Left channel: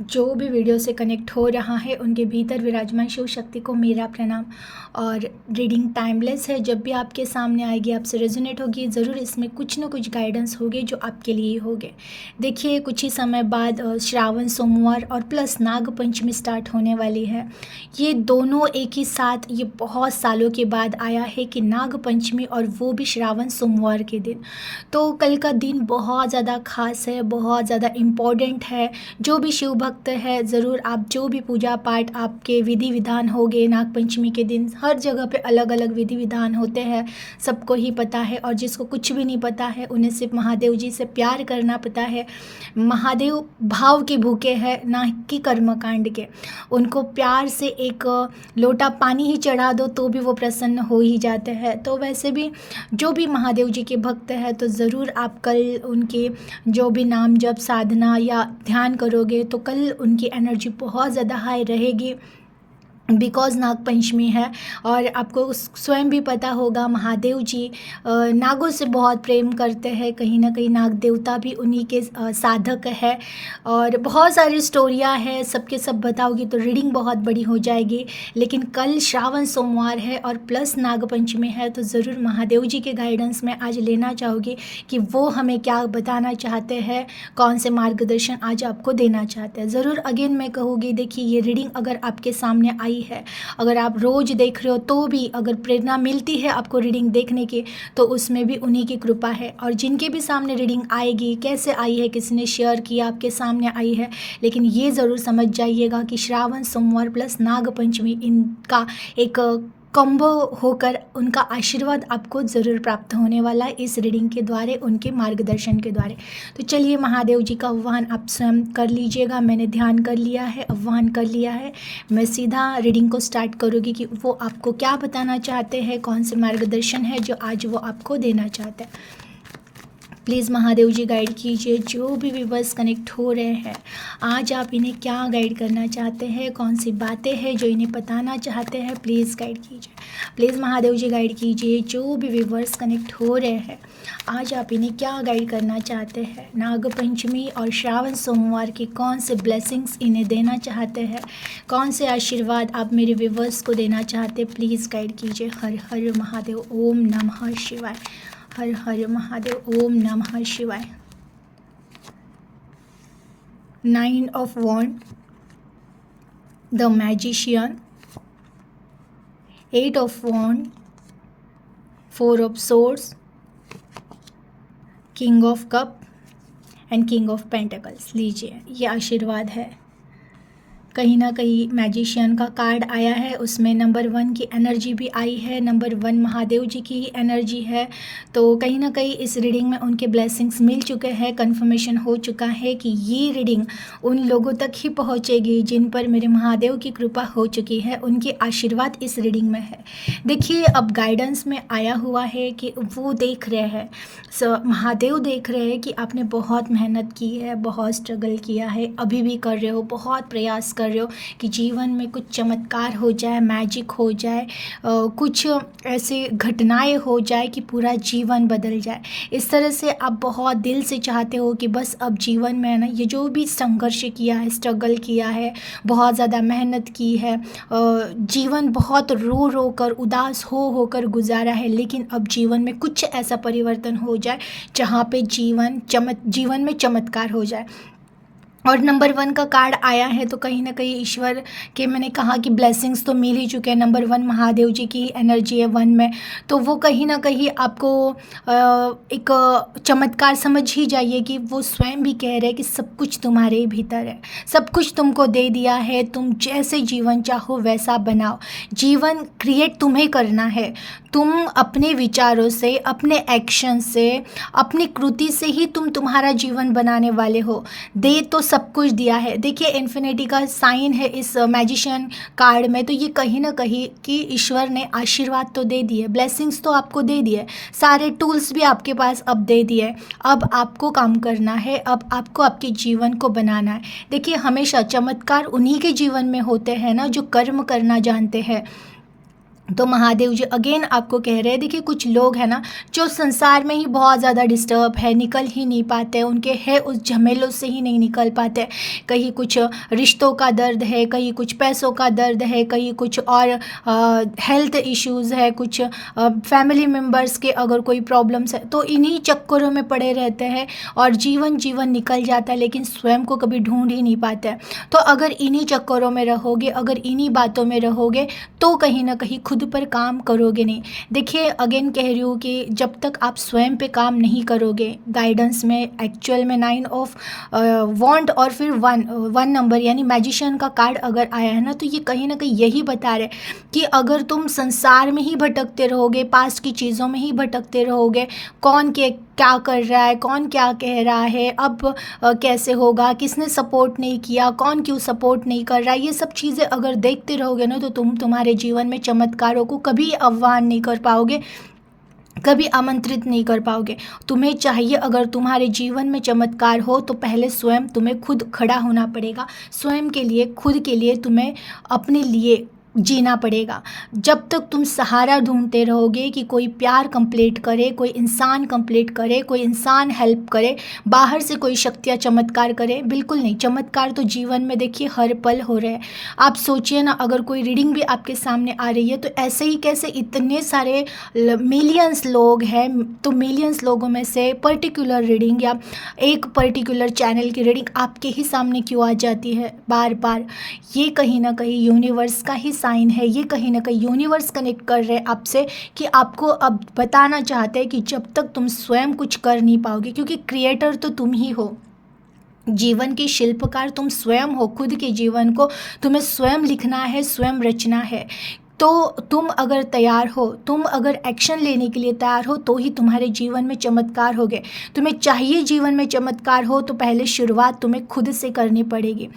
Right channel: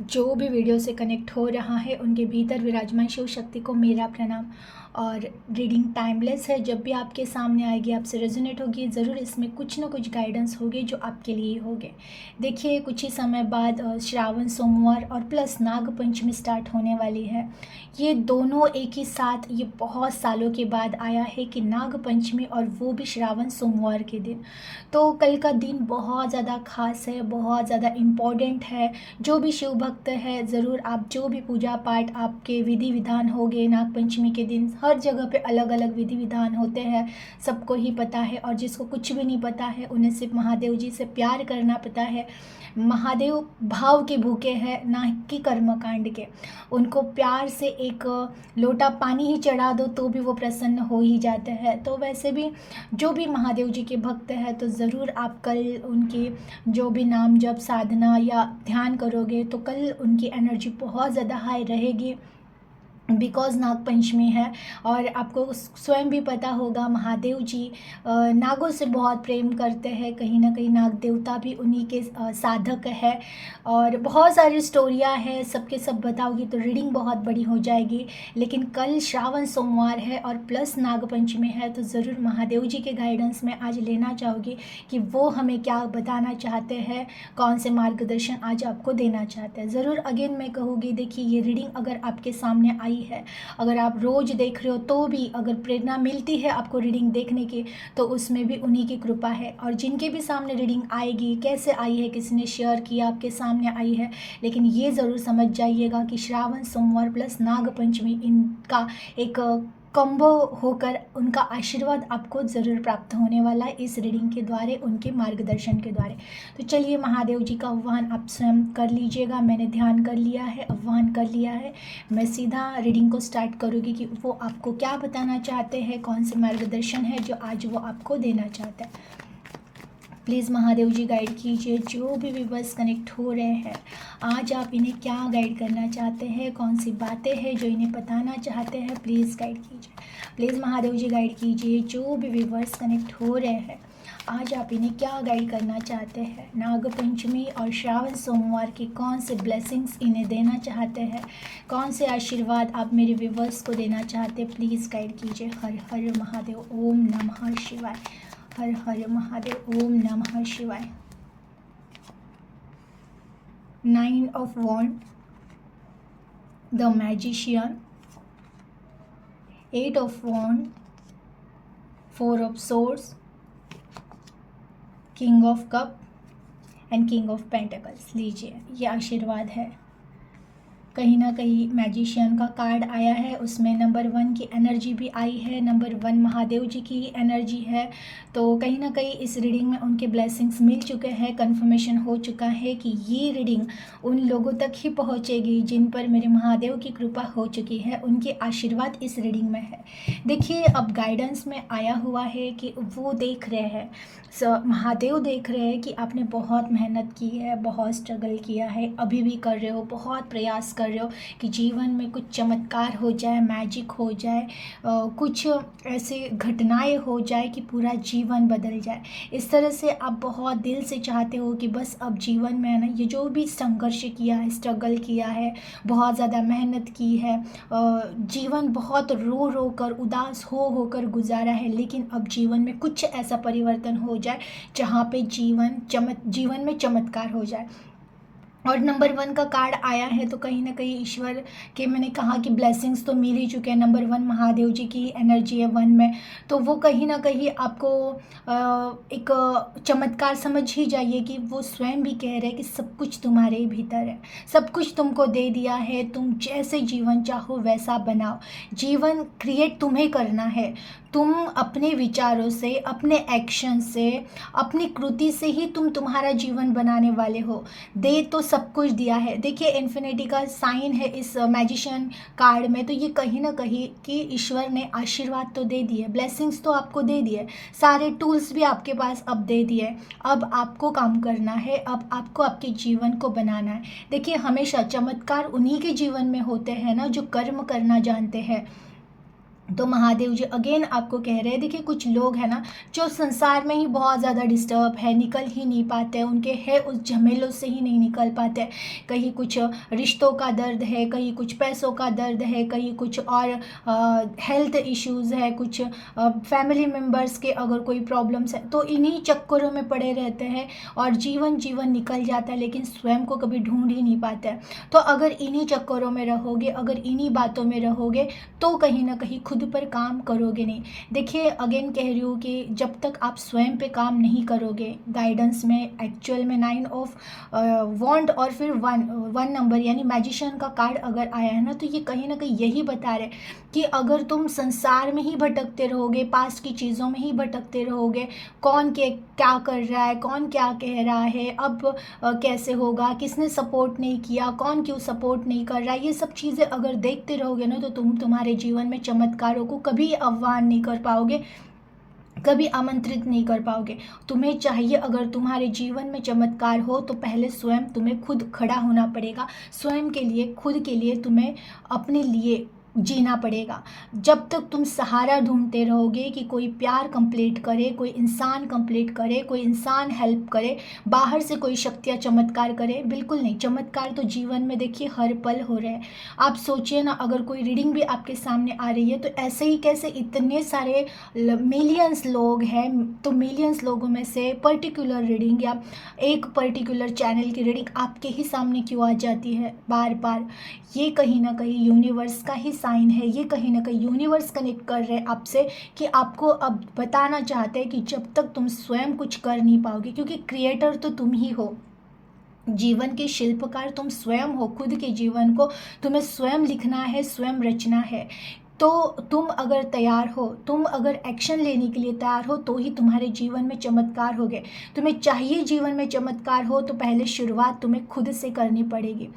जो भी वीडियो से कनेक्ट हो रहा है उनके भीतर विराजमान शिव शक्ति को मेरा प्रणाम। और रीडिंग टाइमलेस है, जब भी आपके सामने आएगी आपसे रेजोनेट होगी, ज़रूर इसमें कुछ ना कुछ गाइडेंस होगी जो आपके लिए होंगे। देखिए, कुछ ही समय बाद श्रावण सोमवार और प्लस नाग पंचमी स्टार्ट होने वाली है। ये दोनों एक ही साथ, ये बहुत सालों के बाद आया है कि नाग पंचमी, और वो भी श्रावण सोमवार के दिन। तो कल का दिन बहुत ज़्यादा खास है, बहुत ज़्यादा इम्पोर्टेंट है। जो भी शिव भक्त है, ज़रूर आप जो भी पूजा पाठ आपके विधि विधान होंगे नाग पंचमी के दिन, हर जगह पे अलग अलग विधि विधान होते हैं, सबको ही पता है। और जिसको कुछ भी नहीं पता है उन्हें सिर्फ महादेव जी से प्यार करना पता है। महादेव भाव के भूखे हैं, ना कि कर्मकांड के। उनको प्यार से एक लोटा पानी ही चढ़ा दो तो भी वो प्रसन्न हो ही जाते हैं। तो वैसे भी जो भी महादेव जी के भक्त हैं, तो ज़रूर आप कल उनके जो भी नाम जप साधना या ध्यान करोगे तो कल उनकी एनर्जी बहुत ज़्यादा हाई रहेगी, बिकॉज़ नाग पंचमी है। और आपको स्वयं भी पता होगा महादेव जी नागों से बहुत प्रेम करते हैं, कहीं ना कहीं नाग देवता भी उन्हीं के साधक है। और बहुत सारी स्टोरियां हैं, सबके सब बताओगी तो रीडिंग बहुत बड़ी हो जाएगी। लेकिन कल श्रावण सोमवार है और प्लस नाग पंचमी है, तो ज़रूर महादेव जी के गाइडेंस में आज लेना चाहोगी कि वो हमें क्या बताना चाहते हैं, कौन से मार्गदर्शन आज आपको देना चाहते हैं। ज़रूर अगेन मैं कहूँगी, देखिए ये रीडिंग अगर आपके सामने आई है, अगर आप रोज़ देख रहे हो तो भी अगर प्रेरणा मिलती है आपको रीडिंग देखने की, तो उसमें भी उन्हीं की कृपा है। और जिनके भी सामने रीडिंग आएगी, कैसे आई है, किसी ने शेयर किया, आपके सामने आई है, लेकिन ये ज़रूर समझ जाइएगा कि श्रावण सोमवार प्लस नाग पंचमी, इनका एक कॉम्बो होकर उनका आशीर्वाद आपको ज़रूर प्राप्त होने वाला है इस रीडिंग के द्वारा, उनके मार्गदर्शन के द्वारा। तो चलिए महादेव जी का आह्वान आप स्वयं कर लीजिएगा। मैंने ध्यान कर लिया है, आह्वान कर लिया है। मैं सीधा रीडिंग को स्टार्ट करूँगी कि वो आपको क्या बताना चाहते हैं, कौन से मार्गदर्शन है जो आज वो आपको देना चाहते हैं। प्लीज़ महादेव जी गाइड कीजिए, जो भी व्यूवर्स कनेक्ट हो रहे हैं आज आप इन्हें क्या गाइड करना चाहते हैं, कौन सी बातें हैं जो इन्हें बताना चाहते हैं, प्लीज़ गाइड कीजिए। प्लीज़ महादेव जी गाइड कीजिए, जो भी व्यूवर्स कनेक्ट हो रहे हैं आज आप इन्हें क्या गाइड करना चाहते हैं। नाग पंचमी और श्रावण सोमवार की कौन से ब्लेसिंग्स इन्हें देना चाहते हैं, कौन से आशीर्वाद आप मेरे व्यूवर्स को देना चाहते हैं, प्लीज़ गाइड कीजिए। हर हर महादेव, ओम नमः शिवाय। हर हर महादेव, ओम नमः शिवाय। 9 of Wands, the Magician, 8 of Wands, 4 of Swords, King of Cup and King of Pentacles। लीजिए, ये आशीर्वाद है। कहीं ना कहीं मैजिशियन का कार्ड आया है, उसमें नंबर 1 की एनर्जी भी आई है, नंबर 1 महादेव जी की ही एनर्जी है। तो कहीं ना कहीं इस रीडिंग में उनके ब्लेसिंग्स मिल चुके हैं, कंफर्मेशन हो चुका है कि ये रीडिंग उन लोगों तक ही पहुंचेगी जिन पर मेरे महादेव की कृपा हो चुकी है, उनके आशीर्वाद इस रीडिंग में है। देखिए, अब गाइडेंस में आया हुआ है कि वो देख रहे हैं, महादेव देख रहे हैं कि आपने बहुत मेहनत की है, बहुत स्ट्रगल किया है, अभी भी कर रहे हो, बहुत प्रयास कर रहे हो कि जीवन में कुछ चमत्कार हो जाए, मैजिक हो जाए, कुछ ऐसे घटनाएं हो जाए कि पूरा जीवन बदल जाए। इस तरह से आप बहुत दिल से चाहते हो कि बस अब जीवन में है ना, ये जो भी संघर्ष किया है, स्ट्रगल किया है, बहुत ज़्यादा मेहनत की है, जीवन बहुत रो रो कर, उदास हो कर गुजारा है, लेकिन अब जीवन में कुछ ऐसा परिवर्तन हो जाए जहाँ पे जीवन में चमत्कार हो जाए। और नंबर 1 का कार्ड आया है, तो कहीं ना कहीं ईश्वर के, मैंने कहा कि ब्लेसिंग्स तो मिल ही चुके हैं। नंबर 1 महादेव जी की एनर्जी है 1 में, तो वो कहीं ना कहीं आपको एक चमत्कार समझ ही जाइए कि वो स्वयं भी कह रहे हैं कि सब कुछ तुम्हारे भीतर है, सब कुछ तुमको दे दिया है, तुम जैसे जीवन चाहो वैसा बनाओ। जीवन क्रिएट तुम्हें करना है, तुम अपने विचारों से, अपने एक्शन से, अपनी कृति से ही तुम तुम्हारा जीवन बनाने वाले हो। दे तो सब कुछ दिया है। देखिए, इन्फिनिटी का साइन है इस मैजिशियन कार्ड में, तो ये कहीं ना कहीं कि ईश्वर ने आशीर्वाद तो दे दिए, ब्लेसिंग्स तो आपको दे दिए, सारे टूल्स भी आपके पास अब दे दिए। अब आपको काम करना है, अब आपको आपके जीवन को बनाना है। देखिए, हमेशा चमत्कार उन्हीं के जीवन में होते हैं ना जो कर्म करना जानते हैं। तो महादेव जी अगेन आपको कह रहे हैं, देखिए कुछ लोग हैं ना जो संसार में ही बहुत ज़्यादा डिस्टर्ब है, निकल ही नहीं पाते, उनके है उस झमेलों से ही नहीं निकल पाते। कहीं कुछ रिश्तों का दर्द है, कहीं कुछ पैसों का दर्द है, कहीं कुछ और हेल्थ इश्यूज़ है, कुछ फैमिली मेम्बर्स के अगर कोई प्रॉब्लम्स है, तो इन्हीं चक्करों में पड़े रहते हैं और जीवन जीवन निकल जाता है, लेकिन स्वयं को कभी ढूंढ ही नहीं पाते हैं। तो अगर इन्हीं चक्करों में रहोगे, अगर इन्हीं बातों में रहोगे, तो कहीं ना कहीं खुद पर काम करोगे नहीं। देखिए अगेन कह रही हूँ कि जब तक आप स्वयं पे काम नहीं करोगे, गाइडेंस में एक्चुअल में 9 ऑफ वॉन्ड और फिर वन नंबर यानी मैजिशियन का कार्ड अगर आया है ना, तो ये कहीं ना कहीं यही बता रहे कि अगर तुम संसार में ही भटकते रहोगे, पास्ट की चीज़ों में ही भटकते रहोगे, कौन के क्या कर रहा है, कौन क्या कह रहा है, अब कैसे होगा, किसने सपोर्ट नहीं किया, कौन क्यों सपोर्ट नहीं कर रहा है, ये सब चीज़ें अगर देखते रहोगे ना, तो तुम तुम्हारे जीवन में चमत्कारों को कभी आह्वान नहीं कर पाओगे, कभी आमंत्रित नहीं कर पाओगे। तुम्हें चाहिए अगर तुम्हारे जीवन में चमत्कार हो, तो पहले स्वयं तुम्हें खुद खड़ा होना पड़ेगा, स्वयं के लिए, खुद के लिए तुम्हें अपने लिए जीना पड़ेगा। जब तक तुम सहारा ढूंढते रहोगे कि कोई प्यार कंप्लीट करे, कोई इंसान कंप्लीट करे, कोई इंसान हेल्प करे, बाहर से कोई शक्तियाँ चमत्कार करे, बिल्कुल नहीं। चमत्कार तो जीवन में देखिए हर पल हो रहे हैं। आप सोचिए ना, अगर कोई रीडिंग भी आपके सामने आ रही है, तो ऐसे ही कैसे इतने सारे मिलियंस लोग हैं, तो मिलियंस लोगों में से पर्टिकुलर रीडिंग या एक पर्टिकुलर चैनल की रीडिंग आपके ही सामने क्यों आ जाती है बार बार। ये कहीं ना कहीं यूनिवर्स का ही साइन है, ये कहीं ना कहीं यूनिवर्स कनेक्ट कर रहे हैं आपसे कि आपको अब बताना चाहते हैं कि जब तक तुम स्वयं कुछ कर नहीं पाओगे, क्योंकि क्रिएटर तो तुम ही हो, जीवन के शिल्पकार तुम स्वयं हो, खुद के जीवन को तुम्हें स्वयं लिखना है, स्वयं रचना है। तो तुम अगर तैयार हो, तुम अगर एक्शन लेने के लिए तैयार हो, तो ही तुम्हारे जीवन में चमत्कार होगे। तुम्हें चाहिए जीवन में चमत्कार हो, तो पहले शुरुआत तुम्हें खुद से करनी पड़ेगी।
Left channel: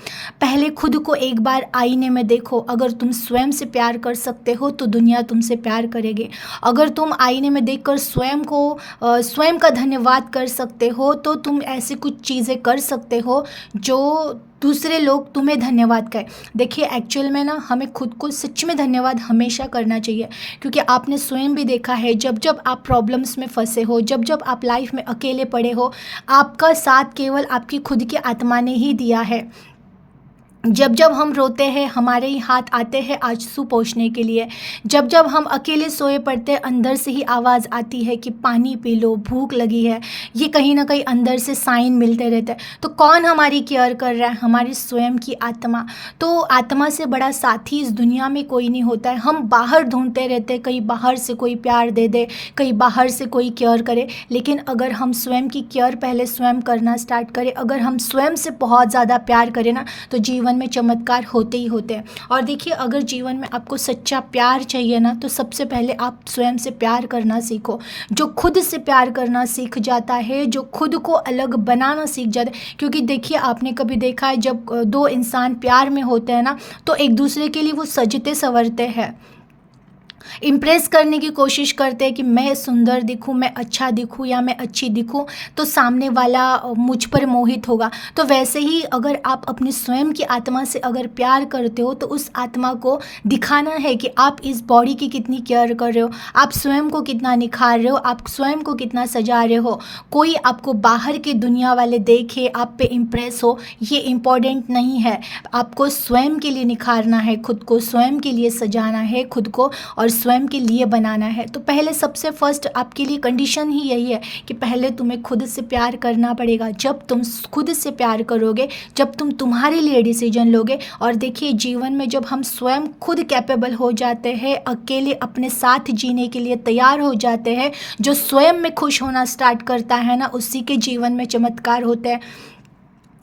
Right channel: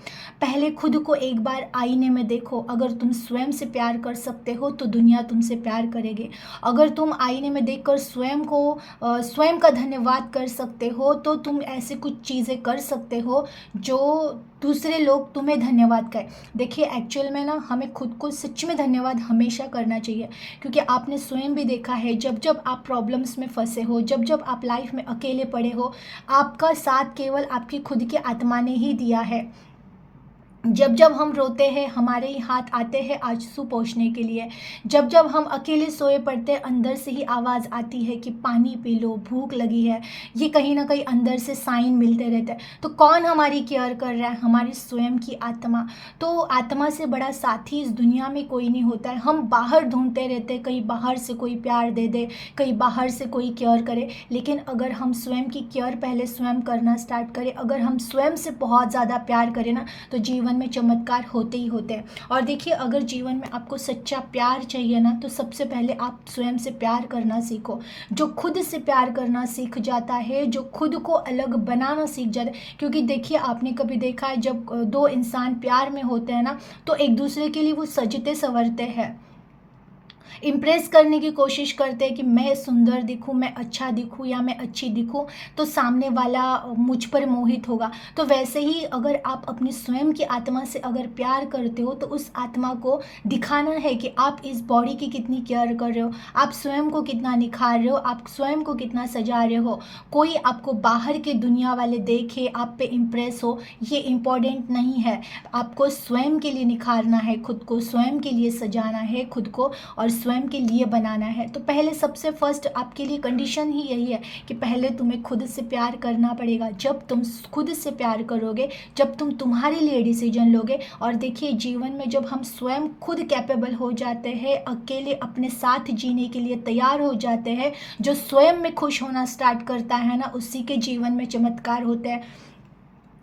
पहले खुद को एक बार आईने में देखो। अगर तुम स्वयं से प्यार कर सकते हो, तो दुनिया तुमसे प्यार करेगी। अगर तुम आईने में देखकर स्वयं को स्वयं का धन्यवाद कर सकते हो, तो तुम ऐसे कुछ चीज़ें कर सकते हो जो दूसरे लोग तुम्हें धन्यवाद कहें। देखिए एक्चुअल में ना, हमें खुद को सच में धन्यवाद हमेशा करना चाहिए, क्योंकि आपने स्वयं भी देखा है, जब जब आप प्रॉब्लम्स में फंसे हो, जब जब आप लाइफ में अकेले पड़े हो, आपका साथ केवल आपकी खुद की आत्मा ने ही दिया है। जब जब हम रोते हैं, हमारे ही हाथ आते हैं आंसू पोंछने के लिए। जब जब हम अकेले सोए पड़ते हैं, अंदर से ही आवाज़ आती है कि पानी पी लो, भूख लगी है। ये कहीं ना कहीं अंदर से साइन मिलते रहते हैं। तो कौन हमारी केयर कर रहा है? हमारी स्वयं की आत्मा। तो आत्मा से बड़ा साथी इस दुनिया में कोई नहीं होता है। हम बाहर ढूंढते रहते हैं, कहीं बाहर से कोई प्यार दे दे, कहीं बाहर से कोई केयर करे, लेकिन अगर हम स्वयं की केयर पहले स्वयं करना स्टार्ट करें, अगर हम स्वयं से बहुत ज़्यादा प्यार करें ना, तो जीवन में चमत्कार होते ही होते हैं। और देखिए, अगर जीवन में आपको सच्चा प्यार चाहिए ना, तो सबसे पहले आप स्वयं से प्यार करना सीखो। जो खुद से प्यार करना सीख जाता है, जो खुद को अलग बनाना सीख जाता है, क्योंकि देखिए आपने कभी देखा है, जब दो इंसान प्यार में होते हैं ना, तो एक दूसरे के लिए वो सजते संवरते हैं, इम्प्रेस करने की कोशिश करते हैं कि मैं सुंदर दिखूं, मैं अच्छा दिखूं या मैं अच्छी दिखूं, तो सामने वाला मुझ पर मोहित होगा। तो वैसे ही अगर आप अपनी स्वयं की आत्मा से अगर प्यार करते हो, तो उस आत्मा को दिखाना है कि आप इस बॉडी की कितनी केयर कर रहे हो, आप स्वयं को कितना निखार रहे हो, आप स्वयं को कितना सजा रहे हो। कोई आपको बाहर की दुनिया वाले देखे, आप पे इम्प्रेस हो, ये इम्पोर्टेंट नहीं है। आपको स्वयं के लिए निखारना है, खुद को स्वयं के लिए सजाना है, खुद को और स्वयं के लिए बनाना है। तो पहले सबसे फर्स्ट आपके लिए कंडीशन ही यही है कि पहले तुम्हें खुद से प्यार करना पड़ेगा। जब तुम खुद से प्यार करोगे, जब तुम तुम्हारे लिए डिसीजन लोगे, और देखिए जीवन में जब हम स्वयं खुद कैपेबल हो जाते हैं, अकेले अपने साथ जीने के लिए तैयार हो जाते हैं, जो स्वयं में खुश होना स्टार्ट करता है ना, उसी के जीवन में चमत्कार होते हैं।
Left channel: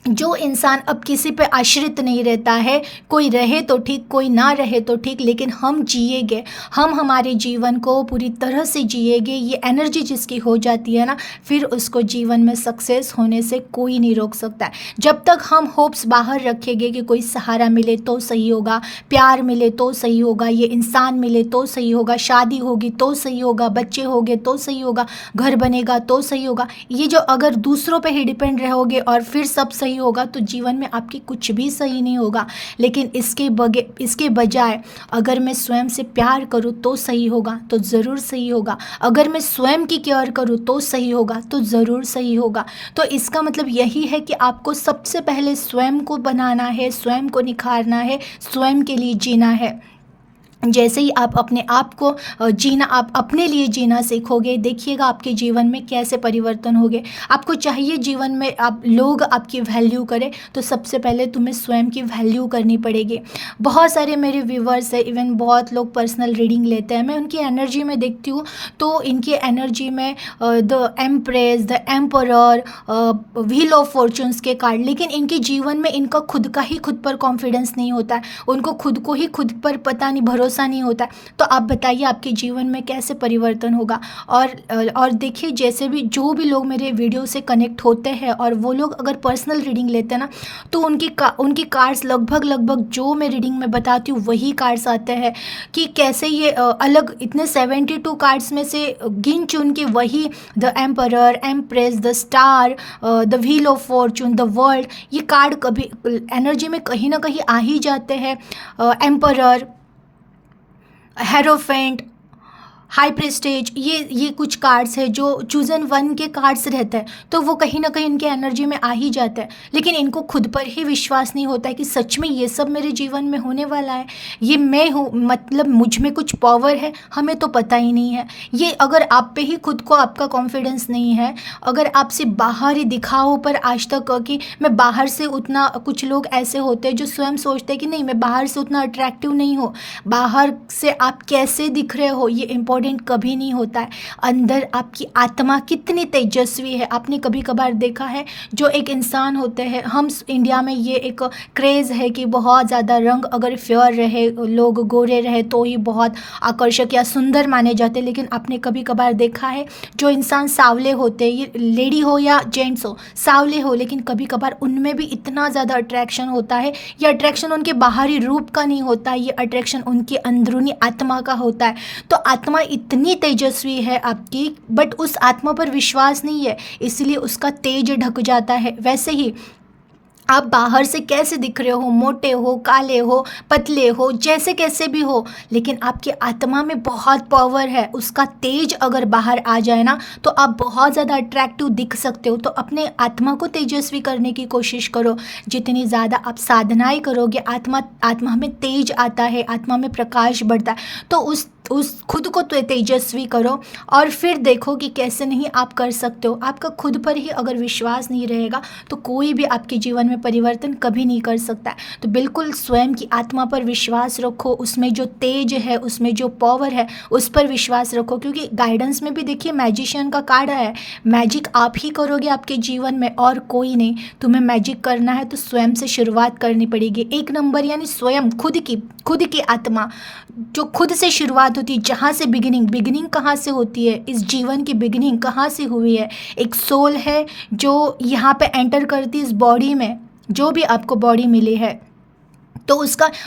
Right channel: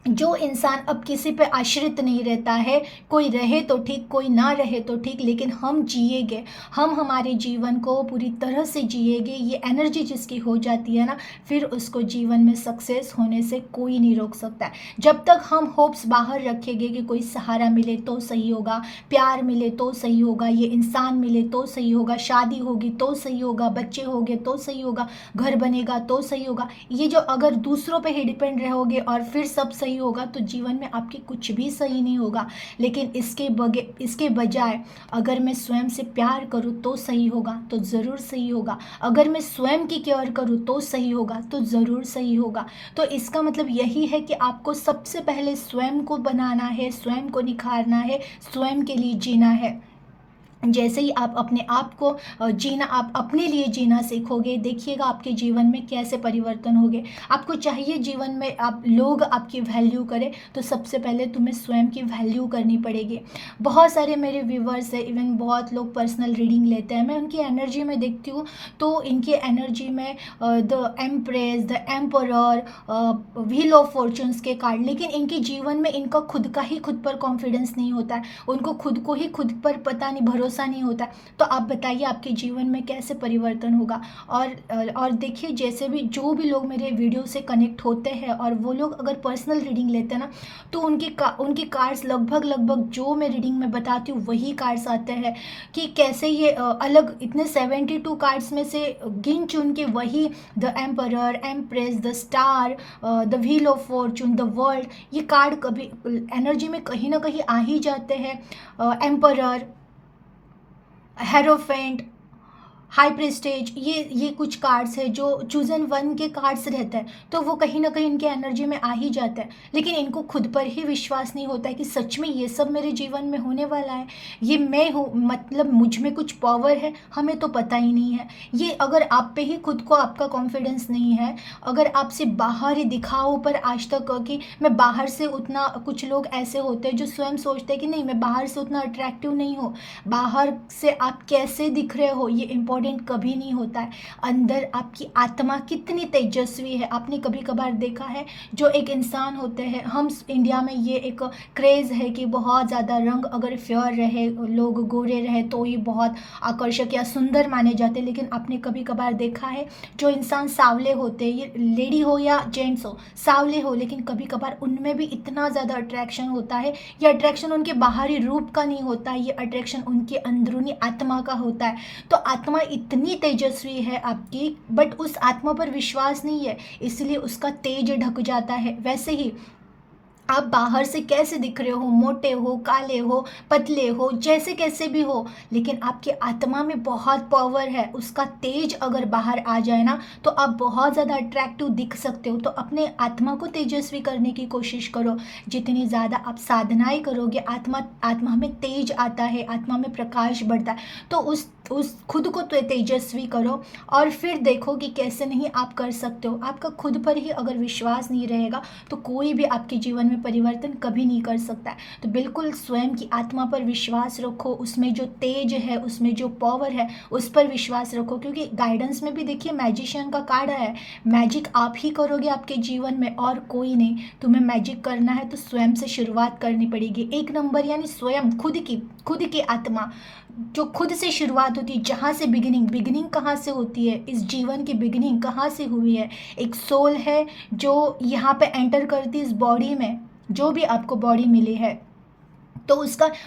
जो इंसान अब किसी पे आश्रित नहीं रहता है, कोई रहे तो ठीक, कोई ना रहे तो ठीक, लेकिन हम जिएंगे, हम हमारे जीवन को पूरी तरह से जिएंगे, ये एनर्जी जिसकी हो जाती है ना, फिर उसको जीवन में सक्सेस होने से कोई नहीं रोक सकता है। जब तक हम होप्स बाहर रखेंगे कि कोई सहारा मिले तो सही होगा, प्यार मिले तो सही होगा, ये इंसान मिले तो सही होगा, शादी होगी तो सही होगा, बच्चे होंगे तो सही होगा, घर बनेगा तो सही होगा, ये जो अगर दूसरों पे ही डिपेंड रहोगे और फिर सब सही होगा तो जीवन में आपके कुछ भी सही नहीं होगा। लेकिन इसके बजाय अगर मैं स्वयं से प्यार करूँ तो सही होगा, तो ज़रूर सही होगा। अगर मैं स्वयं की केयर करूँ तो सही होगा, तो ज़रूर सही होगा। तो इसका मतलब यही है कि आपको सबसे पहले स्वयं को बनाना है, स्वयं को निखारना है, स्वयं के लिए जीना है। जैसे ही आप अपने आप को जीना, आप अपने लिए जीना सीखोगे, देखिएगा आपके जीवन में कैसे परिवर्तन होंगे। आपको चाहिए जीवन में आप लोग आपकी वैल्यू करें, तो सबसे पहले तुम्हें स्वयं की वैल्यू करनी पड़ेगी। बहुत सारे मेरे व्यूवर्स हैं, इवन बहुत लोग पर्सनल रीडिंग लेते हैं, मैं उनकी एनर्जी में देखती हूँ तो इनकी एनर्जी में the empress, the emperor, wheel of fortunes के कार्ड, लेकिन इनके जीवन में इनका खुद का ही खुद पर कॉन्फिडेंस नहीं होता है, उनको खुद को ही खुद पर पता नहीं, भरोसा नहीं होता है। तो आप बताइए आपके जीवन में कैसे परिवर्तन होगा। और देखिए, जैसे भी जो भी लोग मेरे वीडियो से कनेक्ट होते हैं और वो लोग अगर पर्सनल रीडिंग लेते हैं ना, तो उनकी कार्ड्स लगभग जो मैं रीडिंग में बताती हूँ वही कार्ड्स आते हैं कि कैसे ये अलग इतने 72 कार्ड्स में से गिन चुन के वही the emperor, empress, the star, the wheel of Fortune, the world, ये कार्ड कभी एनर्जी में कहीं ना कहीं आ ही जाते हैं। एम्परर, हेरोफेंट, हाई प्रेस्टेज, ये कुछ कार्ड्स है जो चूजन वन के कार्ड्स रहते हैं, तो वो कहीं ना कहीं इनके एनर्जी में आ ही जाता है। लेकिन इनको खुद पर ही विश्वास नहीं होता है कि सच में ये सब मेरे जीवन में होने वाला है, ये मैं हूँ, मतलब मुझ में कुछ पावर है, हमें तो पता ही नहीं है। ये अगर आप पे ही खुद को आपका कॉन्फिडेंस नहीं है, अगर आपसे बाहरी दिखावों पर आज तक कि मैं बाहर से उतना, कुछ लोग ऐसे होते हैं जो स्वयं सोचते हैं कि नहीं मैं बाहर से उतना अट्रैक्टिव नहीं हूँ, बाहर से आप कैसे दिख रहे हो ये इम्पोर्टेंट कभी नहीं होता है, अंदर आपकी आत्मा कितनी तेजस्वी है। आपने कभी कभार देखा है जो एक इंसान होते हैं, हम इंडिया में ये एक क्रेज़ है कि बहुत ज़्यादा रंग अगर फेयर रहे, लोग गोरे रहे तो ये बहुत आकर्षक या सुंदर माने जाते हैं। लेकिन आपने कभी कभार देखा है जो इंसान सांवले होते हैं, ये लेडी हो या जेंट्स हो, सांवले हो, लेकिन कभी कभार उनमें भी इतना ज़्यादा अट्रैक्शन होता है। ये अट्रैक्शन उनके बाहरी रूप का नहीं होता है, ये अट्रैक्शन उनकी अंदरूनी आत्मा का होता है। तो आत्मा इतनी तेजस्वी है आपकी, बट उस आत्मा पर विश्वास नहीं है, इसलिए उसका तेज ढक जाता है। वैसे ही आप बाहर से कैसे दिख रहे हो, मोटे हो, काले हो, पतले हो, जैसे कैसे भी हो, लेकिन आपकी आत्मा में बहुत पावर है, उसका तेज अगर बाहर आ जाए ना तो आप बहुत ज़्यादा अट्रैक्टिव दिख सकते हो। तो अपने आत्मा को तेजस्वी करने की कोशिश करो। जितनी ज़्यादा आप साधनाएं करोगे, आत्मा में तेज आता है, आत्मा में प्रकाश बढ़ता है। तो उस खुद को तो तेजस्वी करो और फिर देखो कि कैसे नहीं आप कर सकते हो। आपका खुद पर ही अगर विश्वास नहीं रहेगा तो कोई भी आपके जीवन में परिवर्तन कभी नहीं कर सकता है। तो बिल्कुल स्वयं की आत्मा पर विश्वास रखो, उसमें जो तेज है, उसमें जो पावर है, उस पर विश्वास रखो। क्योंकि गाइडेंस में भी देखिए मैजिशियन का कार्ड है, मैजिक आप ही करोगे आपके जीवन में और कोई नहीं। तुम्हें मैजिक करना है तो स्वयं से शुरुआत करनी पड़ेगी। 1 नंबर यानी स्वयं, खुद की आत्मा, जो खुद से शुरुआत होती है, जहाँ से बिगिनिंग कहाँ से होती है, इस जीवन की बिगिनिंग कहाँ से हुई है। एक सोल है जो यहाँ पे एंटर करती है इस बॉडी में, जो भी आपको बॉडी मिली है, तो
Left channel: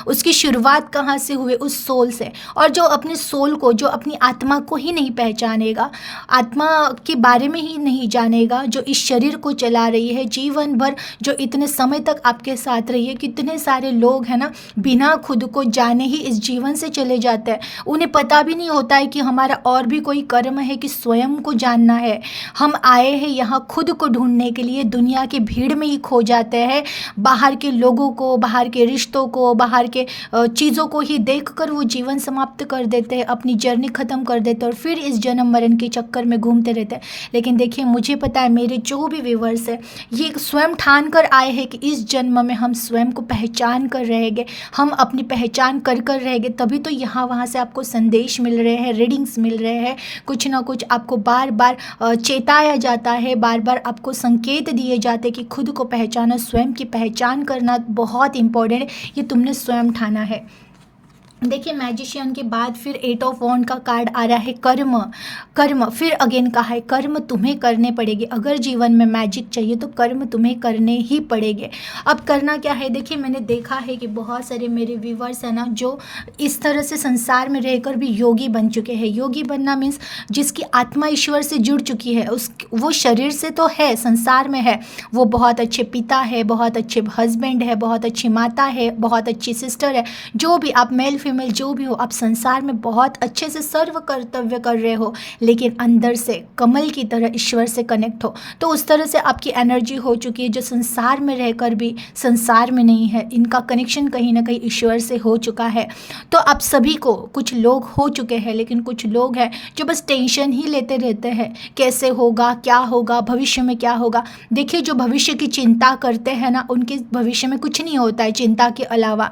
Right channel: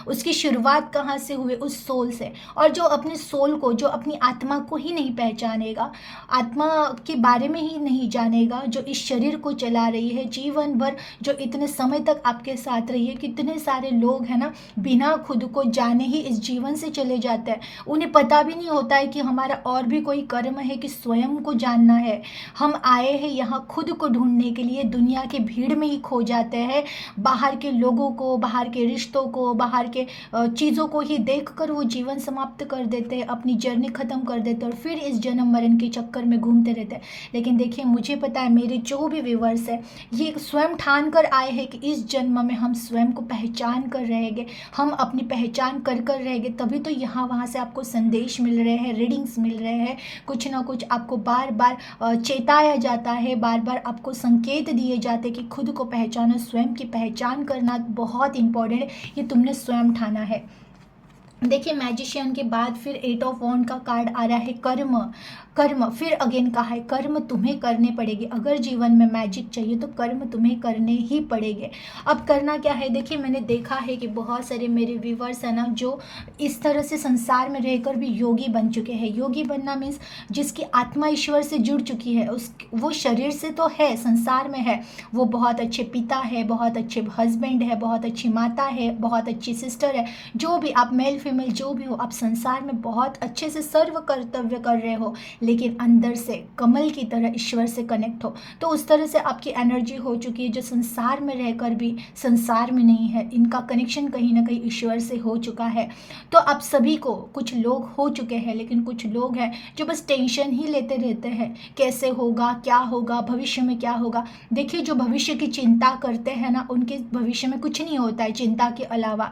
उसकी शुरुआत कहाँ से हुई, उस सोल से। और जो अपने सोल को, जो अपनी आत्मा को ही नहीं पहचानेगा, आत्मा के बारे में ही नहीं जानेगा, जो इस शरीर को चला रही है जीवन भर, जो इतने समय तक आपके साथ रही है। कितने सारे लोग हैं ना, बिना खुद को जाने ही इस जीवन से चले जाते हैं, उन्हें पता भी नहीं होता है कि हमारा और भी कोई कर्म है कि स्वयं को जानना है। हम आए हैं यहाँ खुद को ढूंढने के लिए, दुनिया की भीड़ में ही खो जाते हैं, बाहर के लोगों को, बाहर के रिश्तों को, बाहर के चीज़ों को ही देखकर वो जीवन समाप्त कर देते हैं, अपनी जर्नी ख़त्म कर देते हैं और फिर इस जन्म मरण के चक्कर में घूमते रहते हैं। लेकिन देखिए, मुझे पता है, मेरे जो भी व्यूवर्स हैं ये स्वयं ठान कर आए हैं कि इस जन्म में हम स्वयं को पहचान कर रहेंगे, हम अपनी पहचान कर रहेंगे। तभी तो यहाँ वहाँ से आपको संदेश मिल रहे हैं, रीडिंग्स मिल रहे हैं, कुछ ना कुछ आपको बार बार चेताया जाता है, बार बार आपको संकेत दिए जाते हैं कि खुद को पहचाना, स्वयं की पहचान करना बहुत इंपॉर्टेंट है। ये तुमने स्वयं ठाना है। देखिए मैजिशियन के बाद फिर 8 ऑफ वॉन्ड का कार्ड आ रहा है कर्म। कर्म फिर अगेन कहा है कर्म तुम्हें करने पड़ेंगे। अगर जीवन में मैजिक चाहिए तो कर्म तुम्हें करने ही पड़ेंगे। अब करना क्या है, देखिए मैंने देखा है कि बहुत सारे मेरे व्यूवर्स हैं ना जो इस तरह से संसार में रहकर भी योगी बन चुके हैं। योगी बनना मीन्स जिसकी आत्मा ईश्वर से जुड़ चुकी है, उस वो शरीर से तो है, संसार में है, वो बहुत अच्छे पिता है, बहुत अच्छे हस्बैंड है, बहुत अच्छी माता है, बहुत अच्छी सिस्टर है, जो भी आप मेल फीमेल जो भी हो, आप संसार में बहुत अच्छे से सर्व कर्तव्य कर रहे हो, लेकिन अंदर से कमल की तरह ईश्वर से कनेक्ट हो। तो उस तरह से आपकी एनर्जी हो चुकी है जो संसार में रहकर भी संसार में नहीं है, इनका कनेक्शन कहीं ना कहीं ईश्वर से हो चुका है। तो आप सभी को, कुछ लोग हो चुके हैं लेकिन कुछ लोग हैं जो बस टेंशन ही लेते रहते हैं, कैसे होगा, क्या होगा, भविष्य में क्या होगा। देखिए जो भविष्य की चिंता करते हैं ना, उनके भविष्य में कुछ नहीं होता है चिंता के अलावा।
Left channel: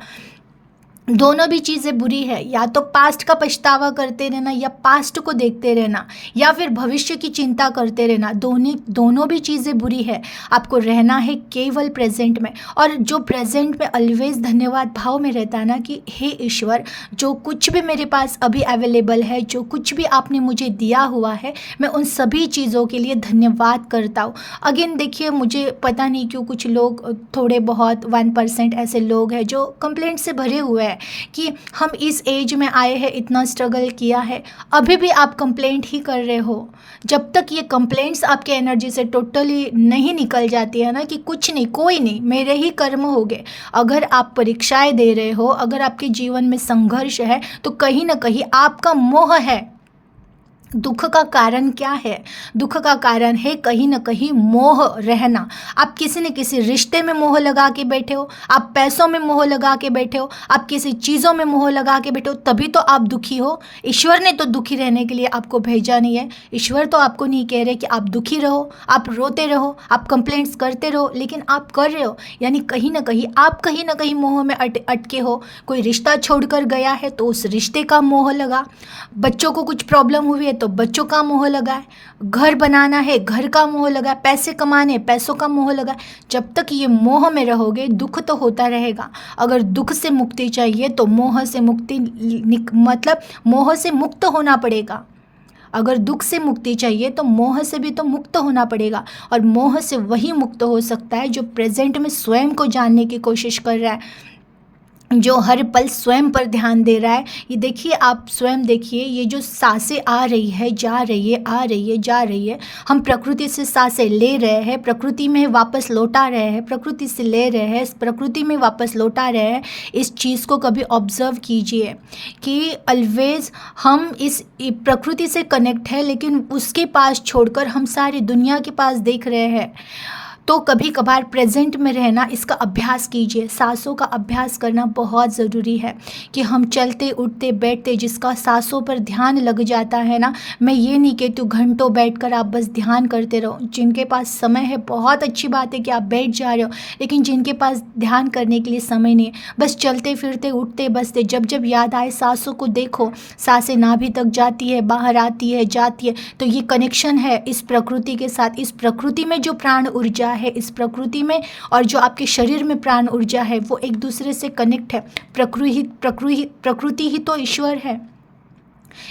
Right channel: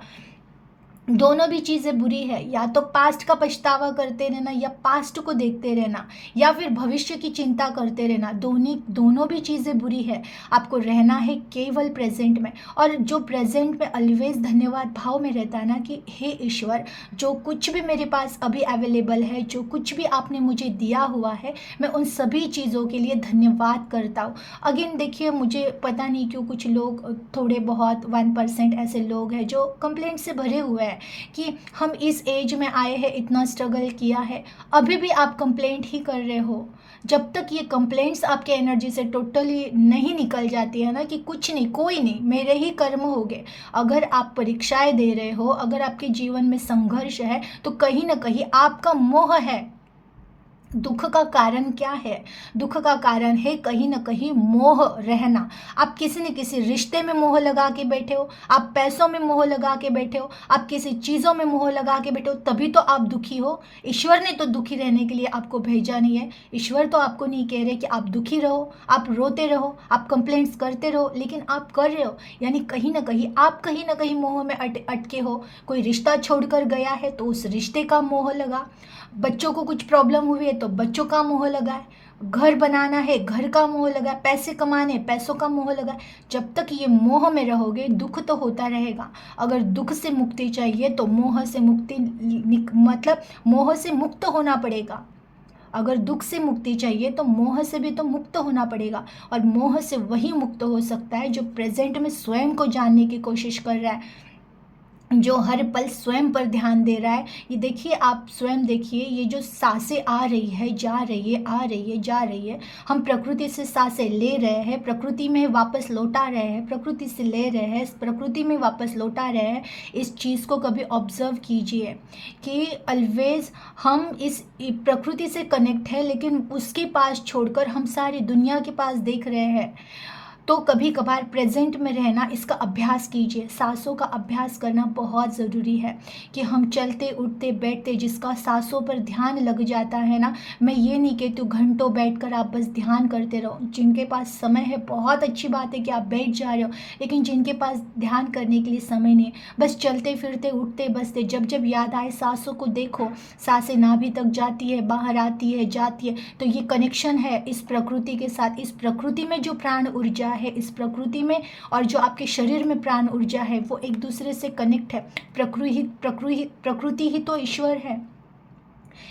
दोनों भी चीज़ें बुरी है, या तो पास्ट का पछतावा करते रहना, या पास्ट को देखते रहना, या फिर भविष्य की चिंता करते रहना, दोनों भी चीज़ें बुरी है। आपको रहना है केवल प्रेजेंट में, और जो प्रेजेंट में ऑलवेज धन्यवाद भाव में रहता है ना कि हे ईश्वर, जो कुछ भी मेरे पास अभी अवेलेबल है, जो कुछ भी आपने मुझे दिया हुआ है, मैं उन सभी चीज़ों के लिए धन्यवाद करता हूँ। अगेन देखिए मुझे पता नहीं क्यों कुछ लोग, थोड़े बहुत 1% ऐसे लोग हैं जो कंप्लेंट से भरे हुए हैं कि हम इस एज में आए हैं, इतना स्ट्रगल किया है, अभी भी आप कंप्लेंट ही कर रहे हो। जब तक ये कंप्लेंट्स आपके एनर्जी से टोटली नहीं निकल जाती है ना कि कुछ नहीं, कोई नहीं, मेरे ही कर्म हो गए। अगर आप परीक्षाएं दे रहे हो, अगर आपके जीवन में संघर्ष है, तो कहीं ना कहीं आपका मोह है। दुख का कारण क्या है? दुख का कारण है कहीं ना कहीं मोह रहना। आप किसी न किसी रिश्ते में मोह लगा के बैठे हो, आप पैसों में मोह लगा के बैठे हो, आप किसी चीज़ों में मोह लगा के बैठे हो, तभी तो आप दुखी हो। ईश्वर ने तो दुखी रहने के लिए आपको भेजा नहीं है। ईश्वर तो आपको नहीं कह रहे कि आप दुखी रहो, आप रोते रहो, आप कंप्लेंट्स करते रहो, लेकिन आप कर रहे हो, यानी कहीं ना कहीं मोह में अटके हो। कोई रिश्ता छोड़कर गया है तो उस रिश्ते का मोह लगा, बच्चों को कुछ प्रॉब्लम हुई है तो बच्चों का मोह लगा है, घर बनाना है घर का मोह लगा है, पैसे कमाने पैसों का मोह लगा है। जब तक ये मोह में रहोगे दुख तो होता रहेगा। अगर दुख से मुक्ति चाहिए तो मोह से मुक्ति, मतलब मोह से मुक्त होना पड़ेगा। अगर दुख से मुक्ति चाहिए तो मोह से भी तो मुक्त होना पड़ेगा, और मोह से वही मुक्त हो सकता है जो प्रेजेंट में स्वयं को जानने की कोशिश कर रहा है, जो हर पल स्वयं पर ध्यान दे रहा है। ये देखिए, आप स्वयं देखिए, ये जो सांसें आ रही है जा रही है, आ रही है जा रही है, हम प्रकृति से सांसें ले रहे हैं, प्रकृति में वापस लौटा रहे हैं, प्रकृति से ले रहे हैं, प्रकृति में वापस लौटा रहे हैं। इस चीज़ को कभी ऑब्जर्व कीजिए कि ऑलवेज हम इस प्रकृति से कनेक्ट है, लेकिन उसके पास छोड़कर हम सारी दुनिया के पास देख रहे हैं। तो कभी कभार प्रेजेंट में रहना, इसका अभ्यास कीजिए। सांसों का अभ्यास करना बहुत ज़रूरी है कि हम चलते उठते बैठते, जिसका सांसों पर ध्यान लग जाता है ना, मैं ये नहीं कहती घंटों बैठकर आप बस ध्यान करते रहो। जिनके पास समय है बहुत अच्छी बात है कि आप बैठ जा रहे हो, लेकिन जिनके पास ध्यान करने के लिए समय नहीं, बस चलते फिरते उठते बसते, जब जब याद आए सांसों को देखो। सांसें नाभि तक जाती है, बाहर आती है, जाती है, तो ये कनेक्शन है इस प्रकृति के साथ। इस प्रकृति में जो प्राण ऊर्जा है, इस प्रकृति में, और जो आपके शरीर में प्राण ऊर्जा है, वो एक दूसरे से कनेक्ट है। प्रकृति ही तो ईश्वर है।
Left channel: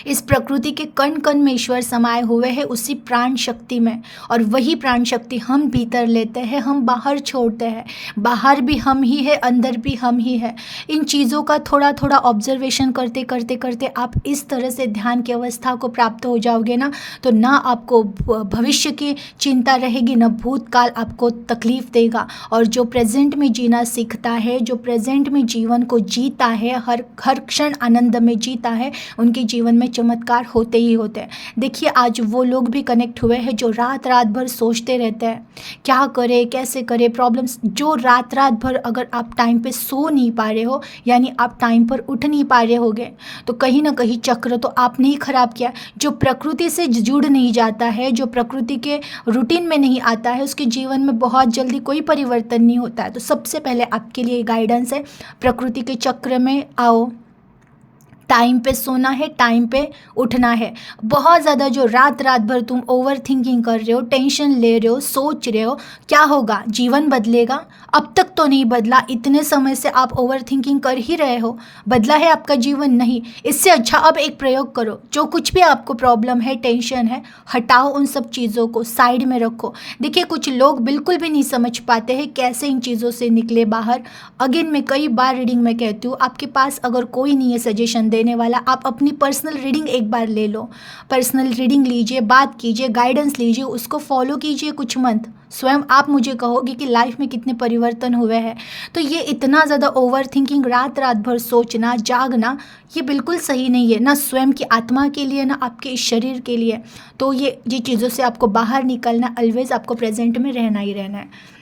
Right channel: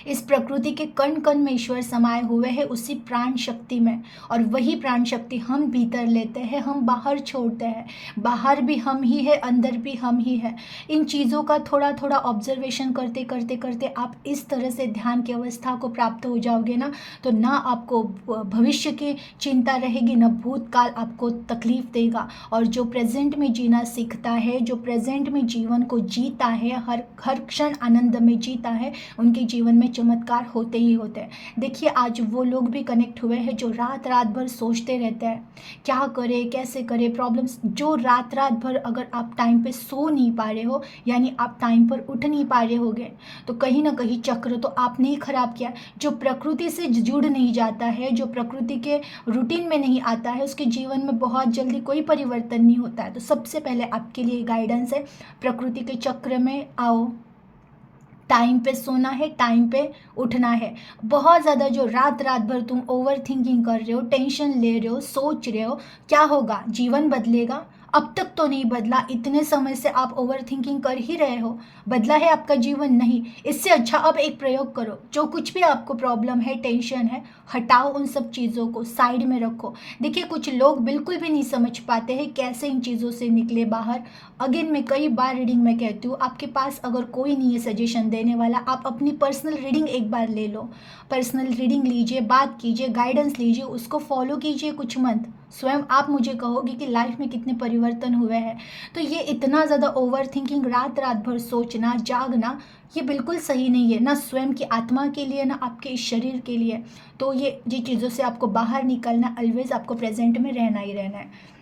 इस प्रकृति के कण कण में ईश्वर समाये हुए हैं, उसी प्राण शक्ति में, और वही प्राण शक्ति हम भीतर लेते हैं, हम बाहर छोड़ते हैं। बाहर भी हम ही है, अंदर भी हम ही है। इन चीज़ों का थोड़ा थोड़ा ऑब्जर्वेशन करते करते करते आप इस तरह से ध्यान की अवस्था को प्राप्त हो जाओगे ना, तो ना आपको भविष्य की चिंता रहेगी, न भूतकाल आपको तकलीफ देगा। और जो प्रेजेंट में जीना सीखता है, जो प्रेजेंट में जीवन को जीता है, हर हर क्षण आनंद में जीता है, उनके जीवन में चमत्कार होते ही होते हैं। देखिए आज वो लोग भी कनेक्ट हुए हैं जो रात रात भर सोचते रहते हैं क्या करे कैसे करे, प्रॉब्लम्स, जो रात रात भर अगर आप टाइम पे सो नहीं पा रहे हो, यानी आप टाइम पर उठ नहीं पा रहे होगे, तो कहीं ना कहीं चक्र तो आपने ही खराब किया। जो प्रकृति से जुड़ नहीं जाता है, जो प्रकृति के रूटीन में नहीं आता है, उसके जीवन में बहुत जल्दी कोई परिवर्तन नहीं होता है। तो सबसे पहले आपके लिए गाइडेंस है, प्रकृति के चक्र में आओ। टाइम पे सोना है, टाइम पे उठना है। बहुत ज़्यादा जो रात रात भर तुम ओवर थिंकिंग कर रहे हो, टेंशन ले रहे हो, सोच रहे हो, क्या होगा? जीवन बदलेगा? अब तक तो नहीं बदला, इतने समय से आप ओवर थिंकिंग कर ही रहे हो, बदला है आपका जीवन? नहीं। इससे अच्छा अब एक प्रयोग करो, जो कुछ भी आपको प्रॉब्लम है, टेंशन है, हटाओ उन सब चीज़ों को, साइड में रखो। देखिए कुछ लोग बिल्कुल भी नहीं समझ पाते हैं कैसे इन चीज़ों से निकले बाहर। अगेन मैं कई बार रीडिंग में कहती हूँ, आपके पास अगर कोई नहीं है सजेशन देने वाला, आप अपनी पर्सनल रीडिंग एक बार ले लो। पर्सनल रीडिंग लीजिए, बात कीजिए, गाइडेंस लीजिए, उसको फॉलो कीजिए कुछ मंथ, स्वयं आप मुझे कहोगे कि लाइफ में कितने परिवर्तन हुए हैं। तो ये इतना ज़्यादा ओवर थिंकिंग, रात रात भर सोचना, जागना, ये बिल्कुल सही नहीं है, ना स्वयं की आत्मा के लिए, ना आपके इस शरीर के लिए। तो ये चीज़ों से आपको बाहर निकलना, ऑलवेज आपको प्रेजेंट में रहना ही रहना है।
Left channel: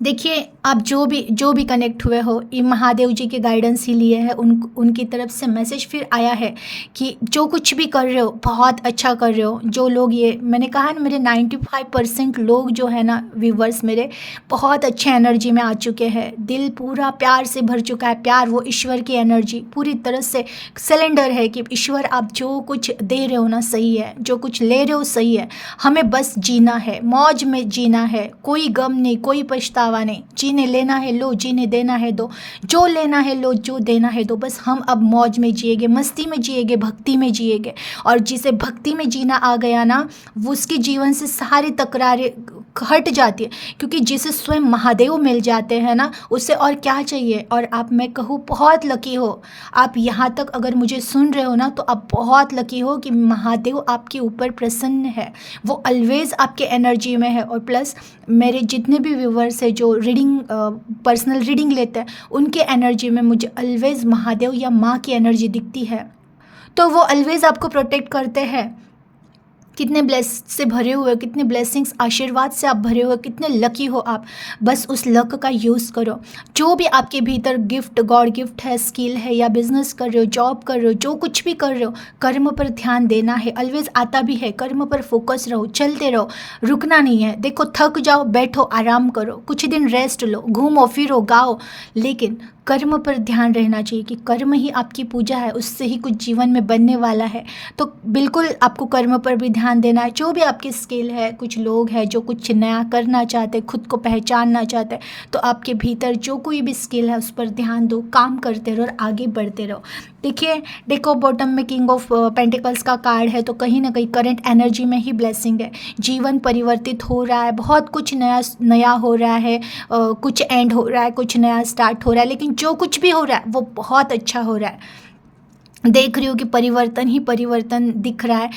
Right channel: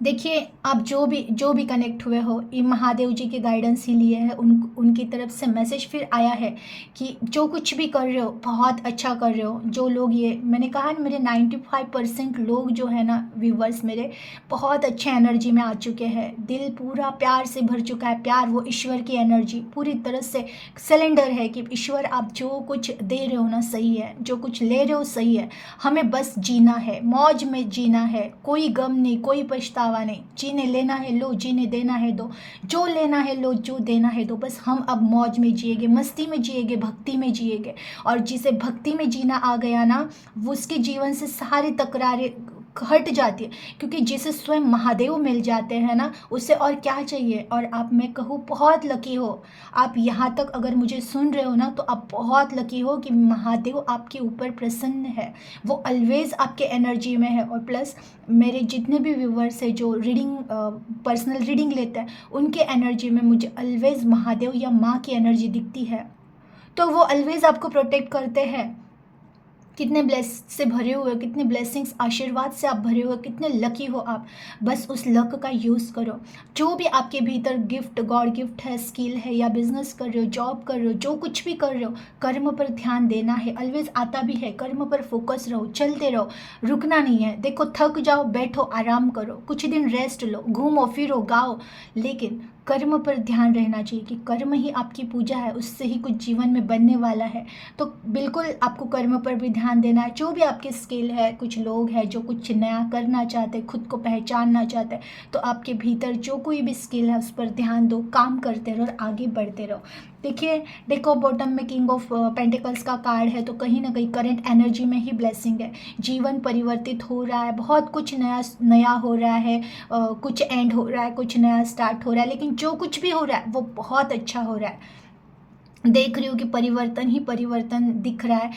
देखिए आप जो भी कनेक्ट हुए हो, ये महादेव जी के गाइडेंस ही लिए हैं, उनकी तरफ से मैसेज फिर आया है कि जो कुछ भी कर रहे हो बहुत अच्छा कर रहे हो। जो लोग, ये मैंने कहा ना, मेरे 95% लोग जो है ना व्यूवर्स मेरे, बहुत अच्छे एनर्जी में आ चुके हैं, दिल पूरा प्यार से भर चुका है। प्यार, वो ईश्वर की एनर्जी पूरी तरह से सिलेंडर है कि ईश्वर आप जो कुछ दे रहे हो ना सही है, जो कुछ ले रहे हो सही है, हमें बस जीना है, मौज में जीना है, कोई गम नहीं, कोई पछतावा नहीं, जीने लेना है लो, जीने देना है दो, जो लेना है लो, जो देना है दो। बस हम अब मौज में जिएंगे, मस्ती में जिएंगे, भक्ति में जिएंगे। और जिसे भक्ति में जीना आ गया ना, वो उसके जीवन से सारी तकरारें हट जाती है, क्योंकि जिसे स्वयं महादेव मिल जाते हैं ना, उससे और क्या चाहिए। और आप, मैं कहूँ, बहुत लकी हो आप। यहाँ तक अगर मुझे सुन रहे हो ना, तो आप बहुत लकी हो कि महादेव आपके ऊपर प्रसन्न है, वो ऑलवेज आपके एनर्जी में है। और प्लस मेरे जितने भी व्यूवर्स हैं जो रीडिंग, पर्सनल रीडिंग लेते हैं, उनके एनर्जी में मुझे ऑलवेज महादेव या माँ की एनर्जी दिखती है। तो वो ऑलवेज आपको प्रोटेक्ट करते हैं। कितने ब्लेस से भरे हुए, कितने ब्लेसिंग्स, आशीर्वाद से आप भरे हुए, कितने लकी हो आप। बस उस लक का यूज़ करो। जो भी आपके भीतर गिफ्ट, गॉड गिफ्ट है, स्किल है, या बिजनेस कर रहे हो, जॉब कर रहे हो, जो कुछ भी कर रहे हो, कर्म पर ध्यान देना है। ऑलवेज आता भी है, कर्म पर फोकस रहो, चलते रहो, रुकना नहीं है। देखो थक जाओ, बैठो, आराम करो, कुछ दिन रेस्ट लो, घूमो फिरो, गाओ, लेकिन कर्म पर ध्यान रहना चाहिए कि कर्म ही आपकी पूजा है, उससे ही कुछ जीवन में बनने वाला है। तो बिल्कुल आपको कर्म पर भी ध्यान देना है। जो भी आपके स्किल है, कुछ लोग हैं जो कुछ नया करना चाहते, खुद को पहचानना चाहते, तो आपके भीतर जो कोई भी स्किल है उस पर ध्यान दो, काम करते रहो और आगे बढ़ते रहो। देखिए देखो, बॉटम में किंग ऑफ पेंटिकल्स का कार्ड है, तो कहीं ना कहीं करंट एनर्जी में ही ब्लेसिंग है। जीवन परिवर्तित हो रहा है, बहुत कुछ नया नया हो रहा है, कुछ एंड हो रहा है, कुछ नया स्टार्ट हो रहा है, लेकिन जो कुछ भी हो रहा है वो बहुत अच्छा हो रहा है। देख रही हो कि परिवर्तन ही परिवर्तन दिख रहा है।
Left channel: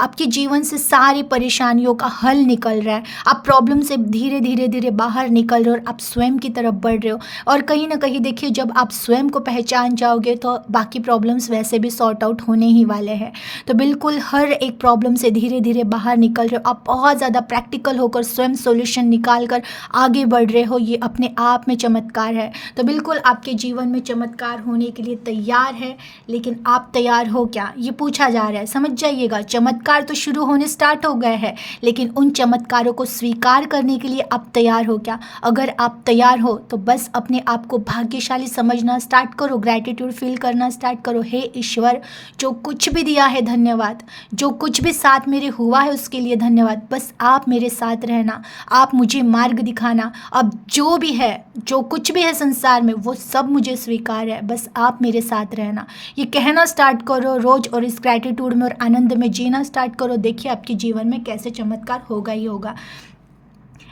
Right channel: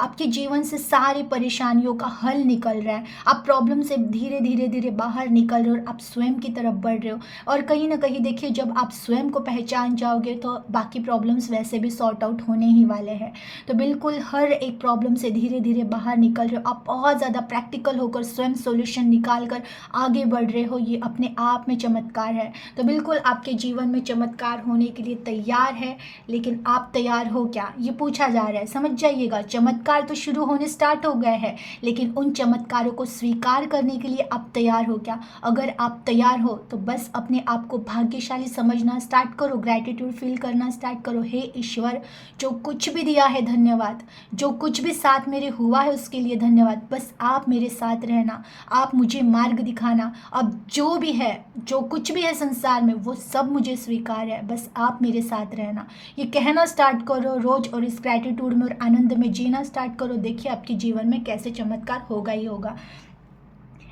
आपके जीवन से सारी परेशानियों का हल निकल रहा है। आप प्रॉब्लम से धीरे धीरे धीरे बाहर निकल रहे हो और आप स्वयं की तरफ बढ़ रहे हो। और कहीं ना कहीं देखिए, जब आप स्वयं को पहचान जाओगे तो बाकी प्रॉब्लम्स वैसे भी सॉर्ट आउट होने ही वाले हैं। तो बिल्कुल हर एक प्रॉब्लम से धीरे धीरे बाहर निकल रहे हो। आप बहुत ज़्यादा प्रैक्टिकल होकर स्वयं सोल्यूशन निकाल कर आगे बढ़ रहे हो। ये अपने आप में चमत्कार है। तो बिल्कुल आपके जीवन में चमत्कार होने के लिए तैयार है, लेकिन आप तैयार हो क्या, ये पूछा जा रहा है। समझ जाइएगा, चमत्कार तो शुरू होने स्टार्ट हो गए हैं, लेकिन उन चमत्कारों को स्वीकार करने के लिए आप तैयार हो क्या? अगर आप तैयार हो तो बस अपने आप को भाग्यशाली समझना स्टार्ट करो, ग्रैटिट्यूड फील करना स्टार्ट करो। हे ईश्वर, जो कुछ भी दिया है धन्यवाद, जो कुछ भी साथ मेरे हुआ है उसके लिए धन्यवाद। बस आप मेरे साथ रहना, आप मुझे मार्ग दिखाना। अब जो भी है, जो कुछ भी है संसार में, वो सब मुझे स्वीकार है, बस आप मेरे साथ रहना। ये कहना स्टार्ट करो रोज, और इस ग्रैटिट्यूड में और आनंद में जीना स्टार्ट करो। देखिए आपके जीवन में कैसे चमत्कार होगा ही होगा।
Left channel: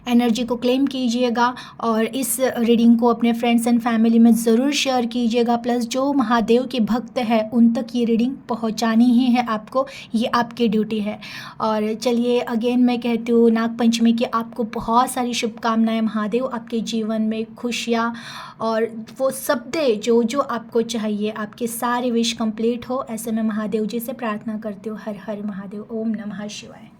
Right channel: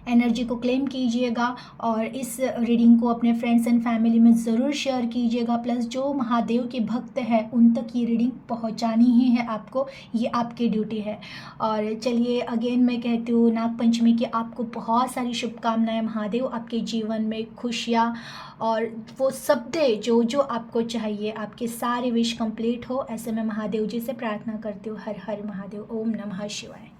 एनर्जी को क्लेम कीजिएगा और इस रीडिंग को अपने फ्रेंड्स एंड फैमिली में ज़रूर शेयर कीजिएगा। प्लस जो महादेव के भक्त हैं उन तक ये रीडिंग पहुंचानी ही है आपको, ये आपकी ड्यूटी है। और चलिए अगेन मैं कहती हूँ नाग पंचमी की आपको बहुत सारी शुभकामनाएं। महादेव आपके जीवन में खुशियाँ और वो सब दे जो जो आपको चाहिए, आपके सारे विश कंप्लीट हो, ऐसे मैं महादेव जी से प्रार्थना करती हूँ। हर हर महादेव। ओम नमः शिवाय।